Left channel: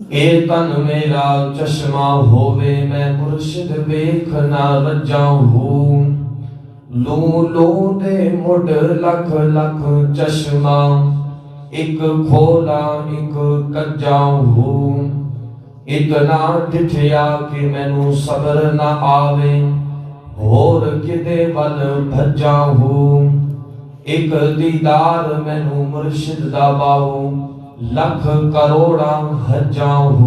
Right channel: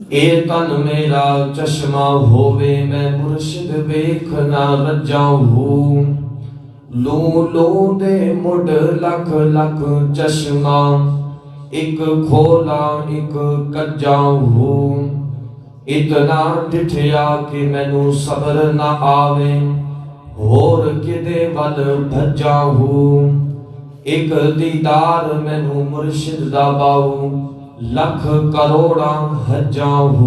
اے تن میرا چشمہ ہووے میں مرشد ویکھ نہ رجاؤں لو لو دے مڈ لکھ لکھ چشمہ ایک کھولا ایک کجاؤں اتنا ڈٹھیا کہ مینوں صبر نہ آوے ہور کدے ول بھجاؤں ایک دیدار مینوں مرشد دا باؤ لکھ کروڑا حجاؤں۔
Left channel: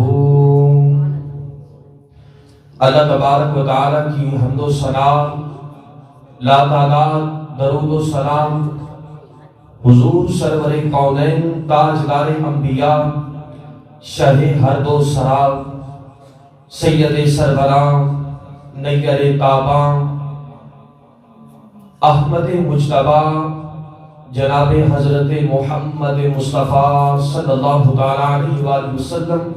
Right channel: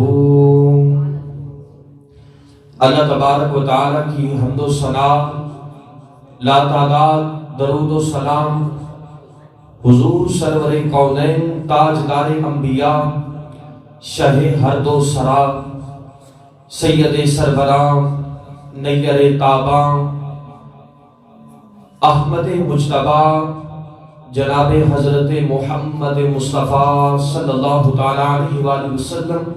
اللہ تبارک و تعالیٰ کی حمد و ثنا لا تعداد درود و سلام حضور سرور کونین تاجدار انبیاء شاہ ہر دو سرا سید سربراں نیر تاباں احمد مجتبیٰ جناب حضرت محمد مصطفیٰ صلی اللہ تعالیٰ علیہ وآلہ وسلم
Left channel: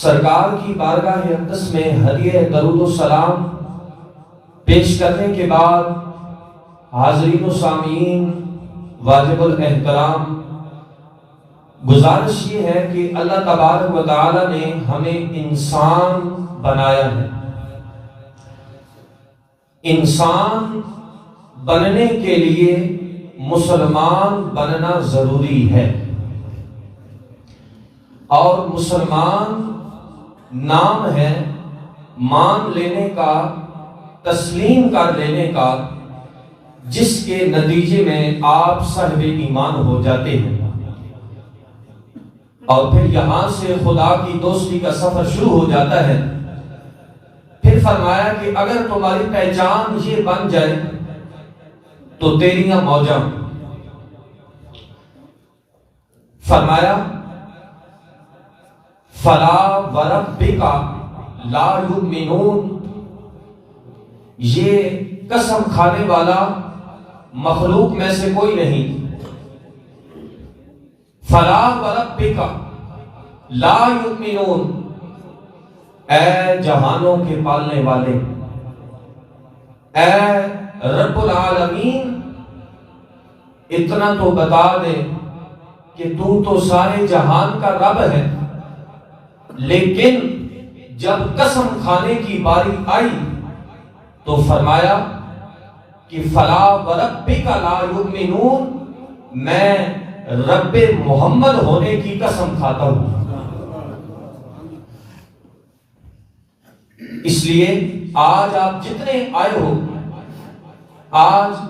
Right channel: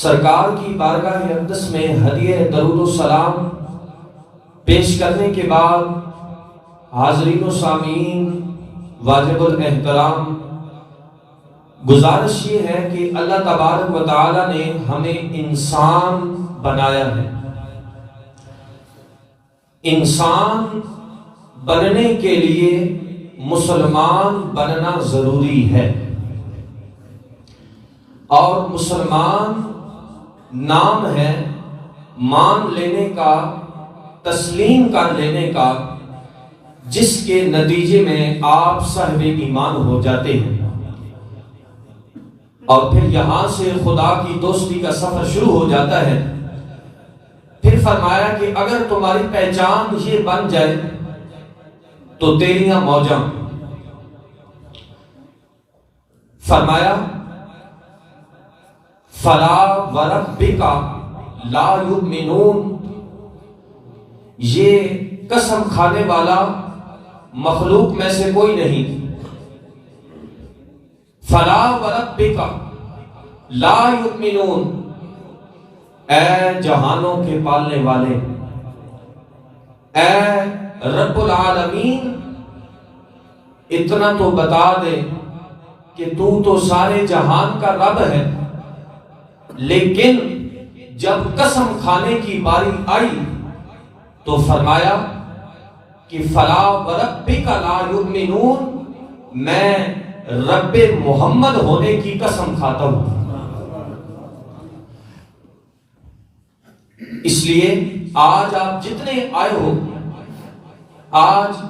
سرکار کی بارگاہ اقدس میں ہدیہ درود و سلام پیش کرنے کے بعد حاضرین و سامعین واجب الاحترام گزارش یہ ہے کہ اللہ تبارک و تعالیٰ نے ہمیں انسان بنایا ہے۔ انسان بننے کے لیے مسلمان بننا ضروری ہے، اور مسلمان نام ہے مان لینے کا، تسلیم کر لینے کا، جس کے نتیجے میں آپ صاحب ایمان ہو جاتے ہیں، اور پھر یہاں سے خدا کی دوستی کا سفر شروع ہو جاتا ہے۔ پھر فرمایا کہ اگر تمہاری پہچان یہ بن جائے تو تیریاں موجاں، فرمایا فلا وربک لا یؤمنون، یہ قسم کھانے والا مخلوق میں سے کوئی نہیں۔ فلا وربک لا یؤمنون، اے جہانوں کے پالنے والے، اے رب العالمین، اتنا تو بتا دے کہ تو سارے جہان کا رب ہے، لیکن جب قسم کھانے کی باری آئی تو فرمایا کہ فلا وربک لا یؤمنون، میں رب محمد ہونے کی قسم کھاتا ہوں۔ اس لیے آج آپ جتنے آئے ہو، آج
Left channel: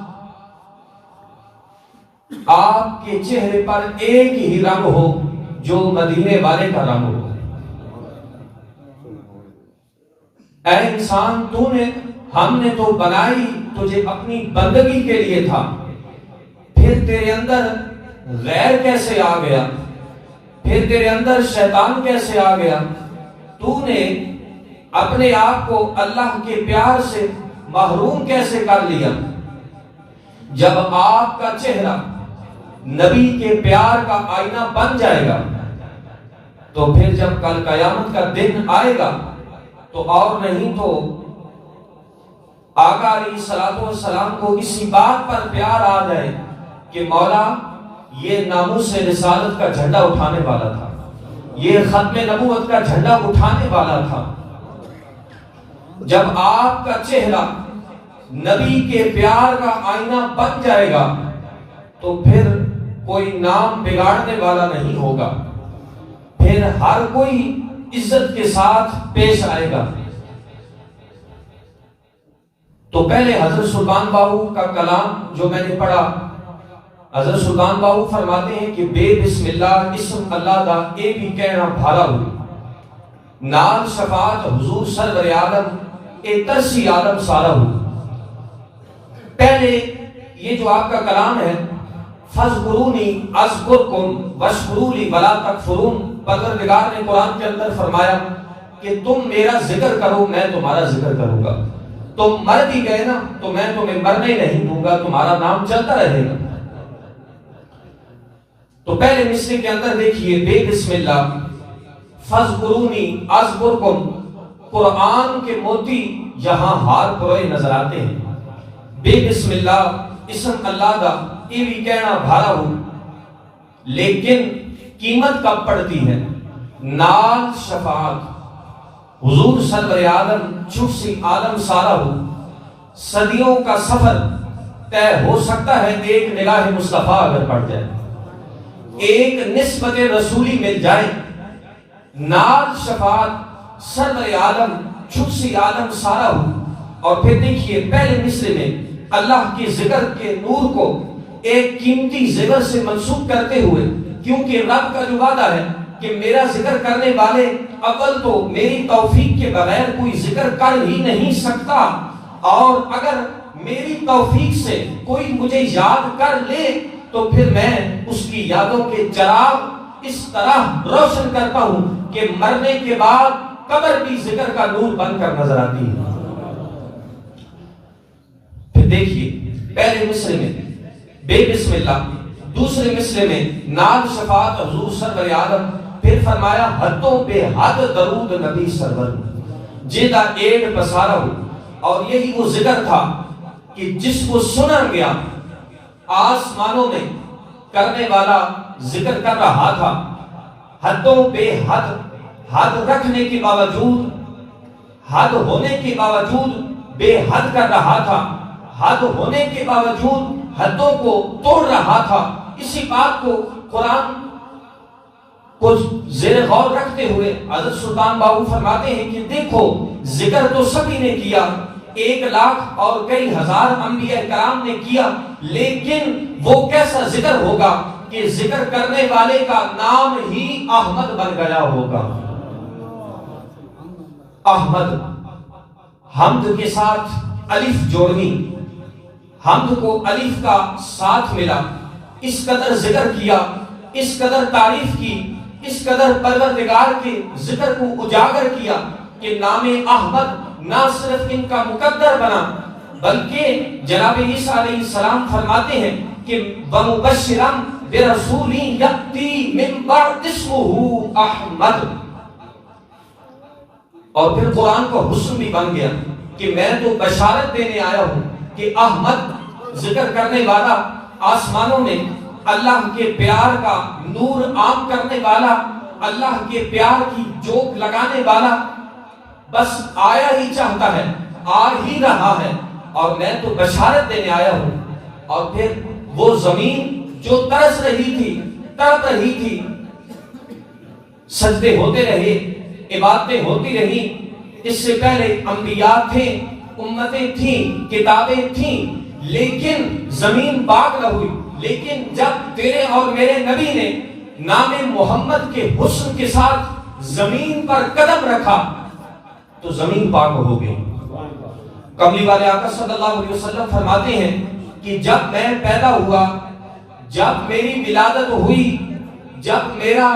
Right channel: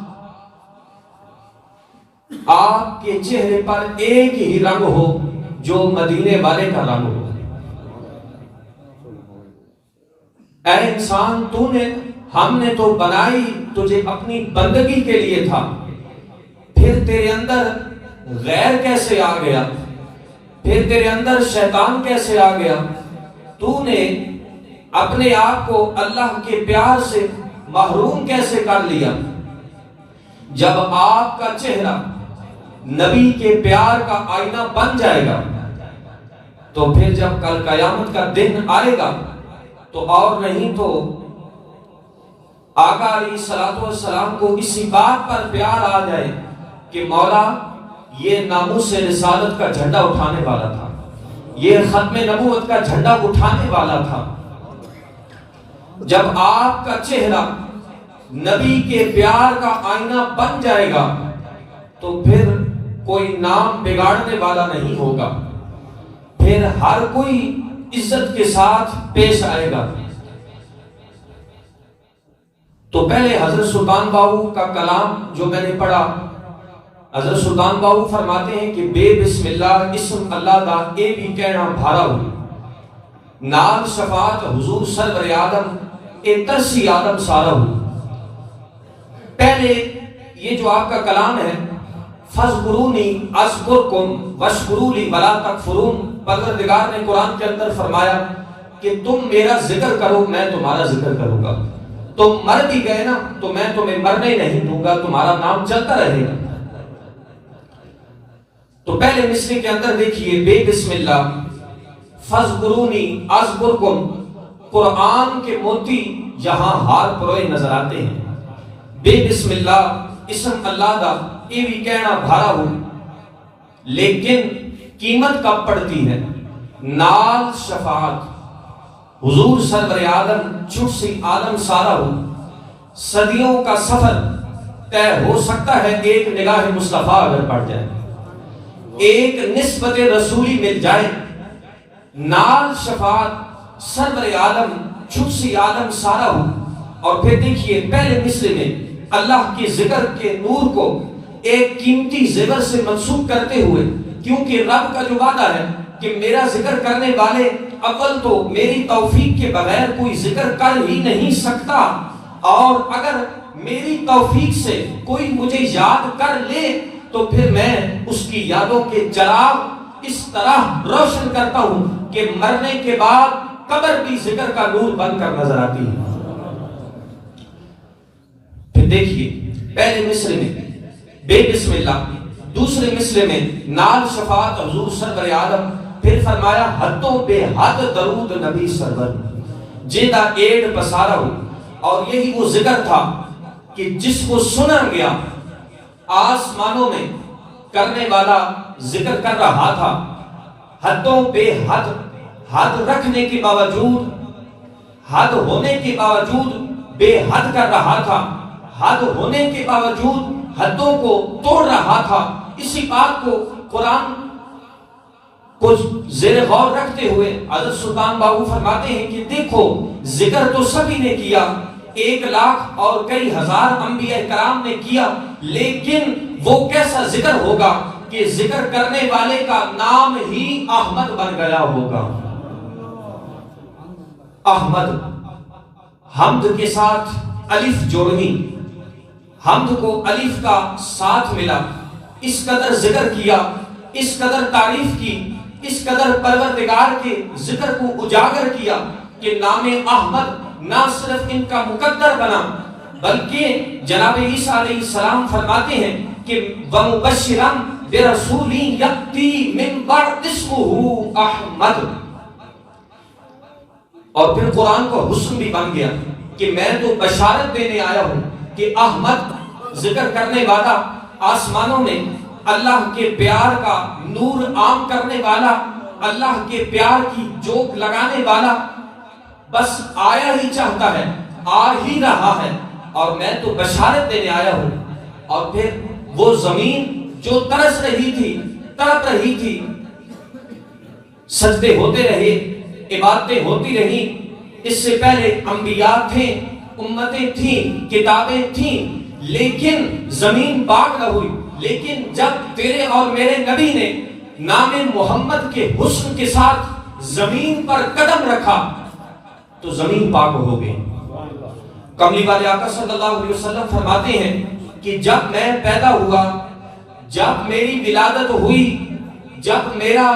آپ کے چہرے پر ایک ہی رنگ ہو جو مدینے والے کا رنگ ہو۔ اے انسان، ہم نے تو بنائی تجھے اپنی بندگی کے لیے تھا، پھر تیرے اندر غیر کیسے آ گیا؟ پھر تیرے اندر شیطان کیسے آ گیا؟ تو نے اپنے آپ کو اللہ کے پیار سے محروم کیسے کر لیا؟ جب آپ کا چہرہ نبی کے پیار کا آئینہ بن جائے گا تو پھر جب کل قیامت کا دن آئے گا تو اور نہیں تو آقا علیہ الصلوۃ والسلام کو اسی بات پر پیار آ جائے کہ مولا یہ ناموس رسالت کا جھنڈا اٹھانے والا تھا، یہ ختم نبوت کا جھنڈا اٹھانے والا تھا۔ جب آپ کا چہرہ نبی کے پیار کا آئینہ بن جائے گا تو پھر کوئی نام بگاڑنے والا نہیں ہوگا، پھر ہر کوئی عزت کے ساتھ پیش آئے گا۔ تو پہلے حضرت سلطان باہو کا کلام جو میں نے پڑھا، حضرت سلطان باہو فرماتے ہیں کہ بے بسم اللہ اسم اللہ دا اے بھی کہنا بھارا ہو، نال شفاعت حضور سرور آدم اے ترسی آدم سارا ہو۔ پہلے یہ جو آپ کا کلام ہے، فَاذْكُرُونِي أَذْكُرْكُمْ وَاشْكُرُوا لِي وَلَا تَكْفُرُونَ، پروردگار نے قرآن کے اندر فرمایا کہ تم میرا ذکر کرو، میں تمہارا ذکر کروں گا۔ تم مر بھی گئے نا تو میں تمہیں مرنے نہیں دوں گا، تمہارا نام چلتا رہے گا۔ تو پہلے مصرے کے اندر دیکھیے، بے بسم اللہ فَاذْكُرُونِي أَذْكُرْكُمْ، قرآن کے موتی یہاں ہار پروئے نظر آتے ہیں۔ بے بسم اللہ اسم اللہ دا یہ بھی کہنا بھارا ہو، لیکن قیمت کب پڑتی ہے؟ نال شفاعت حضور سرور عالم چوسی عالم سارا ہو، صدیوں کا سفر طے ہو سکتا ہے ایک نگاہ مصطفیٰ اگر پڑ جائے، ایک نسبت رسولی مل جائے، نال شفاعت سرور عالم چوسی عالم سارا ہو۔ اور پھر دیکھیے پہلے مصرے میں اللہ کے ذکر کے نور کو ایک قیمتی زیور سے منسوب کرتے ہوئے، کیونکہ رب کا جو وعدہ ہے کہ میرا ذکر کرنے والے اول تو میری توفیق کے بغیر کوئی ذکر کر ہی نہیں سکتا، اور اگر میری توفیق سے کوئی مجھے یاد کر لے تو پھر میں اس کی یادوں کے چراغ اس طرح روشن کرتا ہوں کہ مرنے کے بعد قبر بھی ذکر کا نور بن کر نظر آتی ہے۔ پھر دیکھیے پہلے مصرے میں بے بسم اللہ، دوسرے مصرے میں نال شفاعت حضور سرور عالم، پھر فرمایا حدوں پہ حد درود نبی سرور جیدہ ایڈ پسارا ہو۔ اور یہی وہ ذکر تھا کہ جس کو سنا گیا آسمانوں میں کرنے والا ذکر کر رہا تھا، حدوں پہ حد، حد رکھنے کے باوجود، حد ہونے کے باوجود بے حد کر رہا تھا، حد ہونے کے باوجود حدوں کو توڑ رہا تھا۔ اسی بات کو قرآن کو زیر غور رکھتے ہوئے حضرت سلطان باہو فرماتے ہیں کہ دیکھو ذکر تو سبھی نے کیا، 1,00,000 اور کئی ہزار انبیاء کرام نے کیا، لیکن وہ کیسا ذکر ہوگا کہ ذکر کرنے والے کا نام ہی احمد بن گیا ہوگا۔ احمد، حمد کے ساتھ الف جوڑنی، حمد کو الف کا ساتھ ملا، اس قدر ذکر کیا، اس قدر تعریف کی، اس قدر پروردگار کے ذکر کو اجاگر کیا کہ نام احمد نہ صرف ان کا مقدر بنا، بلکہ جناب عیسیٰ علیہ السلام فرماتے ہیں کہ وَمُبَشِّرًا بِرَسُولٍ يَأْتِي مِن بَعْدِ اسْمُهُ احمد۔ اور پھر قرآن کا حسن بھی بن گیا کہ میں تو بشارت دینے آیا ہوں کہ احمد ذکر کرنے والا، آسمانوں میں اللہ کے پیار کا نور عام کرنے والا، اللہ کے پیار کی جوک لگانے والا، بس آیا ہی چاہتا ہے، آ ہی رہا ہے، اور میں تو بشارت دینے آیا ہوں۔ اور پھر وہ زمین جو ترس رہی تھی، تڑپ رہی تھی، سجدے ہوتے رہے، عبادتیں ہوتی رہی، اس سے پہلے انبیاء تھے، امتیں تھیں، کتابیں تھیں، لیکن زمین پاک نہ ہوئی۔ لیکن جب تیرے اور میرے نبی نے نام محمد کے حسن کے ساتھ زمین پر قدم رکھا تو زمین پاک ہو گئی۔ کملی والے آقا صلی اللہ علیہ وسلم فرماتے ہیں کہ جب میں پیدا ہوا، جب میری ولادت ہوئی، جب میرا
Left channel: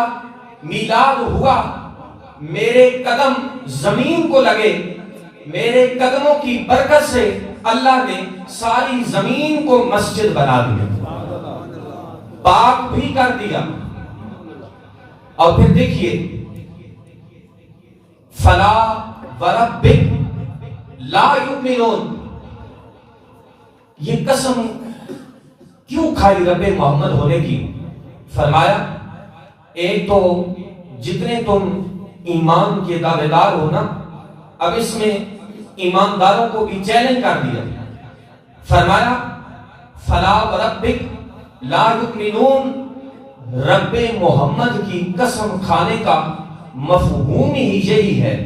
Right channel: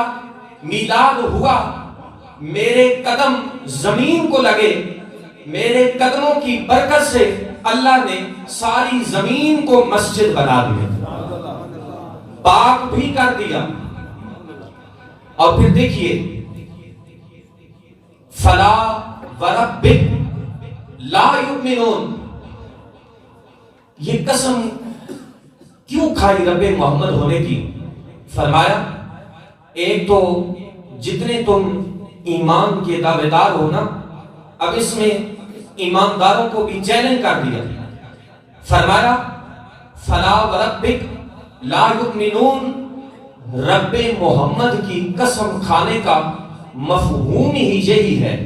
میلاد ہوا، میرے قدم زمین کو لگے، میرے قدموں کی برکت سے اللہ نے ساری زمین کو مسجد بنا دیا، پاک بھی کر دیا۔ اور پھر دیکھیے فلا وربک لا یؤمنون، یہ قسم کیوں کھائی رب محمد ہونے کی؟ فرمایا ایک تو جتنے تم ایمان کے دعوے دار ہو نا، اب اس میں ایمانداروں کو بھی چیلنج کر دیا۔ فرمایا فلا وربک لا یؤمنون، رب محمد کی قسم کھانے کا مفہوم ہی یہی ہے۔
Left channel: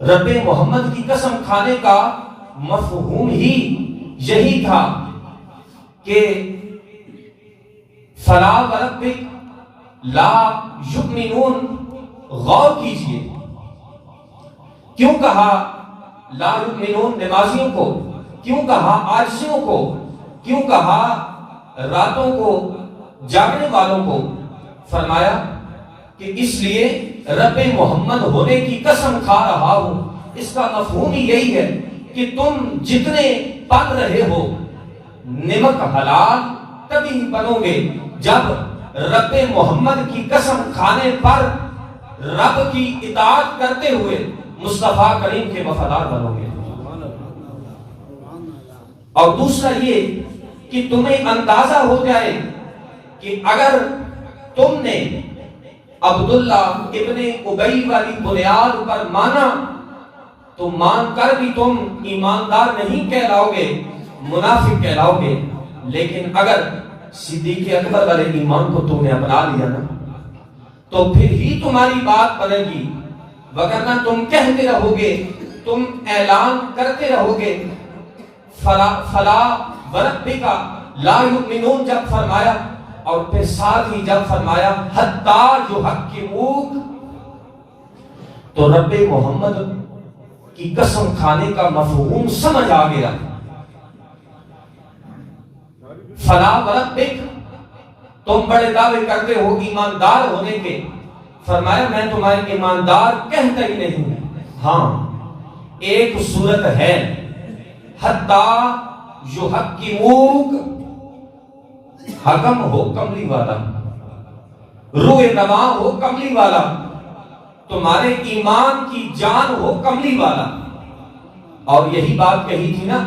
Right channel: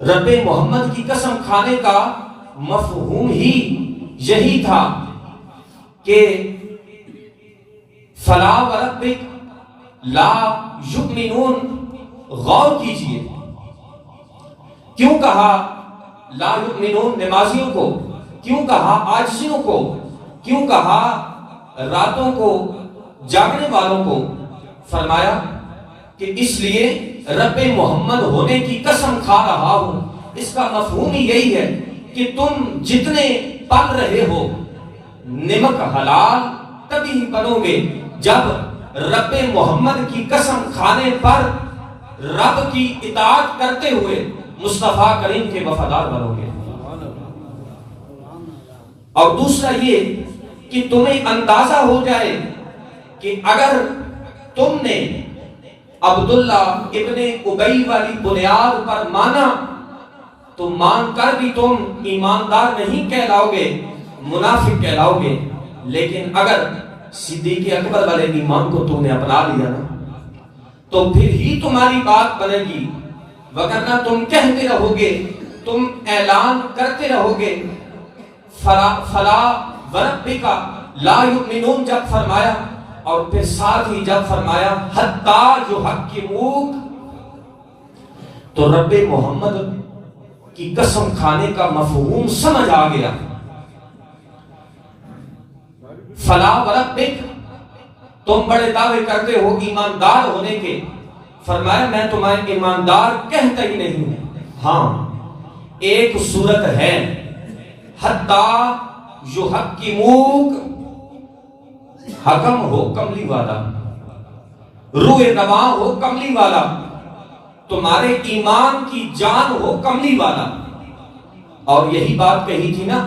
رب محمد کی قسم کھانے کا مفہوم ہی یہی تھا کہ فلا وربک لا یؤمنون۔ غور کیجئے کیوں کہا لا یؤمنون نمازیوں کو، کیوں کہا عاجزوں کو، کیوں کہا راتوں کو جاگنے والوں کو؟ فرمایا کہ اس لیے رب محمد ہونے کی قسم کھا رہا ہوں۔ اس کا مفہوم ہی یہی ہے کہ تم جتنے پل رہے ہو، نمک حلال تبھی بنو گے جب رب محمد کی قسم کھانے پر رب کی اطاعت کرتے ہوئے مصطفیٰ کریم کے وفادار بنو گے۔ اور دوسرا یہ کہ تمہیں اندازہ ہو جائے کہ اگر تم نے عبداللہ ابن ابی والی بنیاد پر مانا تو مان کر بھی تم ایماندار نہیں کہلاؤ گے، منافق کہلاؤ گے۔ لیکن اگر صدیق اکبر والے ایمان کو تم نے اپنا لیا نا تو پھر ہی تمہاری بات بنے گی، وگرنہ تم کہتے رہو گے، تم اعلان کرتے رہو گے۔ فلا وربک لا یؤمنون جب فرمایا، اور پھر ساتھ ہی جب فرمایا حتی یحکموک، تو رب محمد کی قسم کھانے کا مفہوم سمجھ آ گیا۔ فلا وربک، تم بڑے دعوے کرتے ہو ایماندار ہونے کے، فرمایا میں تمہیں ایماندار کہتا ہی نہیں ہوں۔ ہاں ایک صورت ہے، حتی یحکموک، حکم ہو کملی والا، روح نما ہو کملی والا، تمہارے ایمان کی جان ہو کملی والا۔ اور یہی بات کہی تھی نا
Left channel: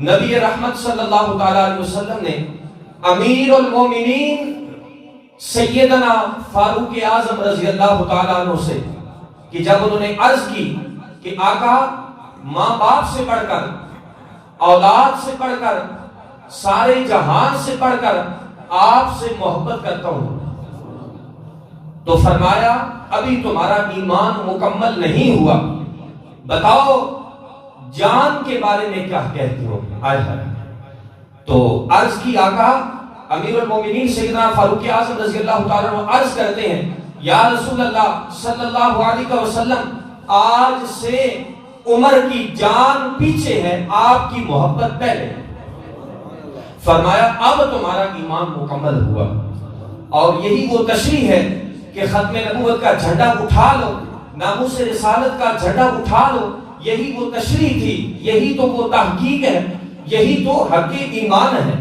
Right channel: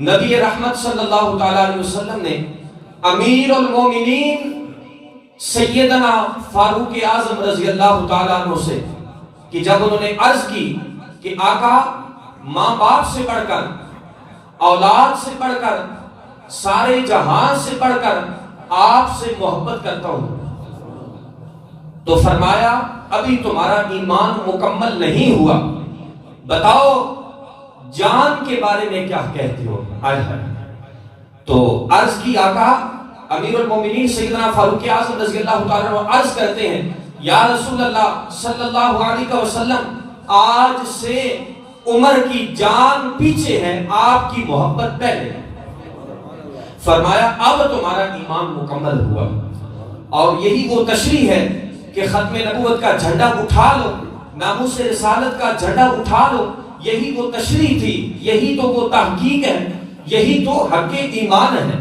نبی رحمت صلی اللہ تعالی علیہ وسلم نے امیر المومنین سیدنا فاروق اعظم رضی اللہ تعالیٰ عنہ سے، کہ جب انہوں نے عرض کی کہ آقا ماں باپ سے بڑھ کر، اولاد سے بڑھ کر، سارے جہان سے بڑھ کر آپ سے محبت کرتا ہوں، تو فرمایا ابھی تمہارا ایمان مکمل نہیں ہوا، بتاؤ جان کے بارے میں کیا کہتے ہو؟ تو عرض کی آقا امیر المومنین سیدنا فاروق اعظم رضی اللہ تعالیٰ عنہ عرض کرتے ہیں یا رسول اللہ صلی اللہ علیہ وسلم، آج سے عمر کی جان پیچھے ہے، آپ کی محبت پہلے۔ فرمایا اب تمہارا ایمان مکمل ہوا۔ اور یہی وہ تشریح ہے کہ ختم نبوت کا جھنڈا اٹھا لو، ناموس رسالت کا جھنڈا اٹھا لو، یہی وہ تشریح تھی، یہی تو وہ تحقیق ہے، یہی تو حق ایمان ہے۔